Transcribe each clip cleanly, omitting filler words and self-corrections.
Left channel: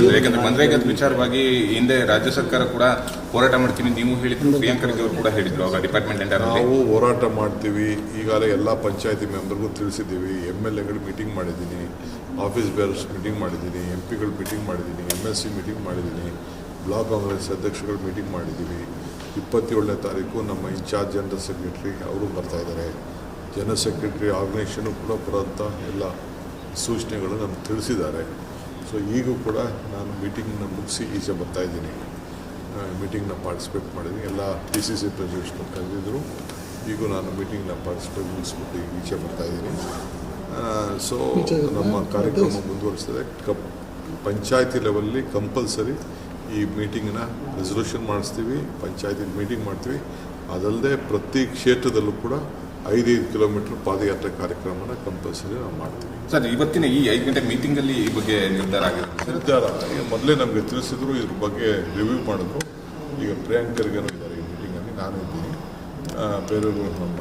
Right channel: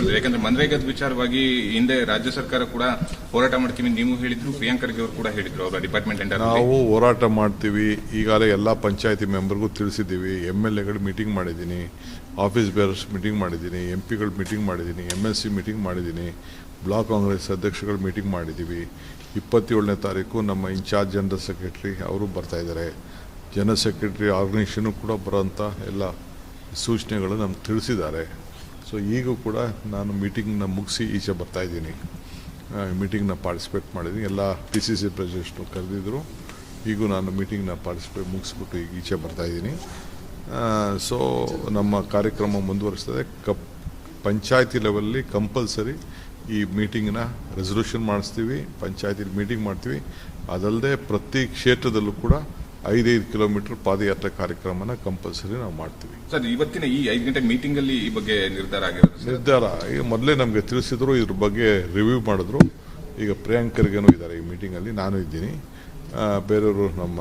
Sir, ಯಾಕಂದ್ರೆ ಮನ್ರೇಗಾದ ವಿಚಾರವಾಗಿ ಹಿಂದೆ ರಾಜ್ಯ ಸರ್ಕಾರ ಕೂಡ ಹೋರಾಟ ಮಾಡ್ತೀವಿ ನೀವು ಹೇಳಿದ್ರು, ಪ್ರಿಯಾಂಕ್ ಖರ್ಗೆ ಅವರು ಕೂಡ ಹೇಳಿದ್ರು ಅವರ ಡಿಪಾರ್ಟ್ಮೆಂಟ್ ಅಂತ. ನಾವು ಹೋರಾಟ ಮಾಡ್ತೀವಿ. ಈಗಾಗಲೇ ಎಲ್ಲ ಪಂಚಾಯತಿ ಮೆಂಬರ್ಗೂ ತಿಳಿಸಿದ್ದೀವಿ. MLAಗಳು ಮೀಟಿಂಗ್ ಮಾಡಿದ್ದೀನಿ, ಆಫೀಸ್ ಬೇರರ್ಸ್ ಮೀಟಿಂಗ್ ಮಾಡಿದ್ದೀನಿ, MP ಗಳು ಮೀಟಿಂಗ್ ಮಾಡಿದ್ದೀನಿ, MLC ಮೀಟಿಂಗ್ ಮಾಡಿದ್ದೀನಿ, ಬ್ಲಾಕ್ ಕಾಂಗ್ರೆಸ್ ಅಧ್ಯಕ್ಷಗಳು ಮೀಟಿಂಗ್ ಮಾಡಿದ್ದೀವಿ. 27ನೇ ತಾರೀಕು ನಮ್ಮ ಇನ್ಚಾರ್ಜ್ ಜನರಲ್ ಸೆಕ್ರೆಟರಿ ಅವರು ಬರ್ತಾಯಿದ್ದಾರೆ. ಜನರಲ್ ಸೆಕ್ರೆಟರಿ ಆರ್ಗನೈಸೇಷನು ಕೂಡ ಬರೋಂಥ ಎಲ್ಲ ಸೂಚನೆಗಳು ನಮ್ಗೆ ತಿಳಿಸಿದ್ದಾರೆ. ಸೊ ಈಗೂ ಕೂಡ ನಾನು ಮೀಟಿಂಗ್ನ ಮುಗಿಸಿ ಈಚೆ ಬರ್ತಾಯಿದ್ದೀನಿ. ಮೀಟಿಂಗ್ನ ಪಾರ್ಟಿಸಿಪೇಟ್ ಮಾಡಿದ್ದೀನಿ. ಎಲ್ಲ PCC ಪ್ರೆಸಿಡೆಂಟ್ಸ್ನು ಕರೆದಿದ್ದರು. ಈಗೂ ನಾನು ಮೀಟಿಂಗ್ನ ಪಾರ್ಟಿಸಿಪೇಟ್ ಮುಗಿಸ್ಬಿಟ್ಟು ಈಚೆ ಬರ್ತಾಯಿದ್ದೀನಿ. ಸೊ ನಮ್ಮ ಕಾರ್ಯಕ್ರಮ ಮುಂದುವರಿಸ್ತದೆ. ಪಂಚಾಯತಿ ಲೆವೆಲಲ್ಲಿ ಕಂಪಲ್ಸರಿ ಈ ಮೀಟಿಂಗ್ನ ರೆಸಲ್ಯೂಷನ್ ಮಾಡಿಸ್ತೀವಿ, ಪಂಚಾಯತಿ ಮೀಟಿಂಗ್ ಮಾಡ್ತೀವಿ. ಅದಲ್ಲದೆ ಪ್ರತಿ ಕ್ಷೇತ್ರದಲ್ಲೂ ಕೂಡ 5 ಕಿಲೋಮೀಟರ್ ಪಾದಯಾತ್ರೆ ಕಾರ್ಯಕ್ರಮನ ಕಂಪಲ್ಸರಿ ನಾವು ಮಾಡ್ತೀವಿ. ಸರ್, ಇವತ್ತಿನ ಈ 5 ಗಂಟೆ ಮೀಟಿಂಗಲ್ಲಿ ಈ ಬಗ್ಗೆ ನಿರ್ಧಾರ ಆಗಿರುತ್ತೆ? ನಿರ್ಧಾರ ಈಗ ಮೊದಲೇ ನಮಗೆ ತಿಳಿಸಿದ್ರು, ಇದ್ರ ಬಗ್ಗೆ ರಿವ್ಯೂ ಮಾಡಿದ್ರು. ಈಗ ಪ್ರಿಯಾಂಕ್ ಖರ್ಗೆನೂ ಇದ್ದಾರೆ ಈ ಮೀಟಿಂಗಲ್ಲಿ, ನಾನು ಇದ್ದೀನಿ, ಬೇರೆಯವರು ನಮ್ಮ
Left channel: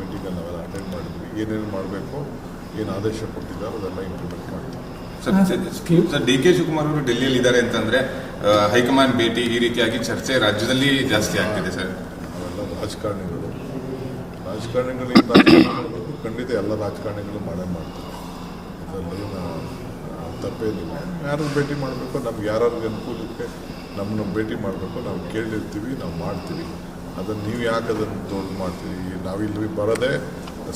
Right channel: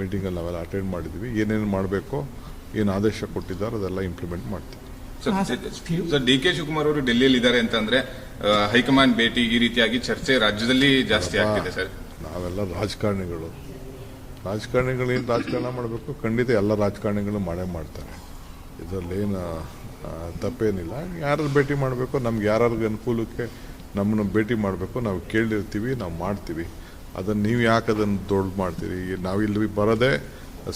ಮೀಟಿಂಗಲ್ಲಿ ನಾವೆಲ್ಲ ಅಟೆಂಡ್ ಮಾಡಿದ್ವಿ. ಏನೇನು ಮಾಡಬೇಕು, ಏನು ಆದೇಶ ಕೊಟ್ಟಿದ್ದಾರೆ ಅದೆಲ್ಲ ಇಂಪ್ಲಿಮೆಂಟ್ ಮಾಡ್ತೀವಿ. ಸರ್, DK ಶಿವಕುಮಾರ್ ಅವರು ಡೆಲ್ಲಿಯಲ್ಲಿ ಇದ್ದಾರೆ ಅಂತಂದ್ರೆ ಹೈಕಮಾಂಡ್ ಭೇಟಿ ಈ ರೀತಿಯಾಗಿ ಚರ್ಚೆ ರಾಜ್ಯದಲ್ಲಿ ಜಾಸ್ತಿ ಆಗ್ತಿದೆ ಸರ್. ಅವೆಲ್ಲ ರಾಜಕಾರಣಿಗಳು ರಾಜಕಾರಣ ಮಾಡಬೇಕು. ಖಂಡಿತ ಎಲ್ಲ ರಾಜಕಾರಣಿಗಳು ಮಾಡೇ ಮಾಡ್ತಾರೆ. ಇದರಲ್ಲೇನು ತಪ್ಪೇನಿಲ್ಲ. ಯಾರು ಭೇಟಿ ಮಾಡಬೇಕು, ನಮ್ಗೆ ಯಾರ್ಯಾರಿಗೆ ಅನುಕೂಲಕ್ಕೆ ನಮ್ಮನ್ನ ಭೇಟಿ ಮಾಡಬೇಕು ನಾವು ಕೇಳಿರ್ತೀವಿ, ನಾವು ಮಾಡ್ತೀವಿ. ಅದನ್ನು ನೀವು ಯಾಕೆ ಅದನ್ನು ದೊಡ್ಡ ಮಾಡ್ತೀರಿ? ನಾವಿಲ್ಲಿ ಬರೋದೇ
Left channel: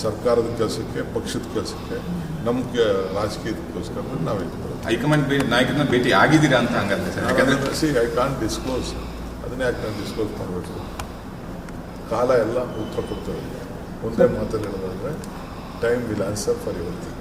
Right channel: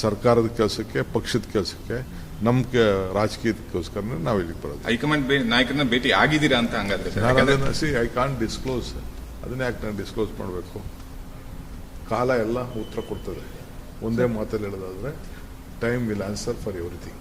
ಸರ್ಕಾರದ ಕೆಲಸಕ್ಕೆ, ಪಕ್ಷದ ಕೆಲಸಕ್ಕೆ, ನಮ್ಗೆ ರಾಜಕೀಯಕ್ಕೋಸ್ಕರ ನಾವಿಲ್ಲಿ ಬರೋದು. ಹೈಕಮಾಂಡ್ ನಾಯಕರನ್ನ ಭೇಟಿ ಆಗಿದ್ದೀರಾ ಅಂತ ಹಂಗಂದ್ರೆ ಸರ್? I can't disclose. ಅದನ್ನೇ ಯಾಕೆ ನಾನು ಡಿಸ್ಕ್ಲೋಸ್ ಮಾಡಬೇಕು? ಕಾಲ ಎಲ್ಲ ಉತ್ತರ ಕೊಡ್ತದೆ. ಒಂದೇ ಮಾತಲ್ಲಿ ಹೇಳೋದಾದ್ರೆ, time will answer for your thing.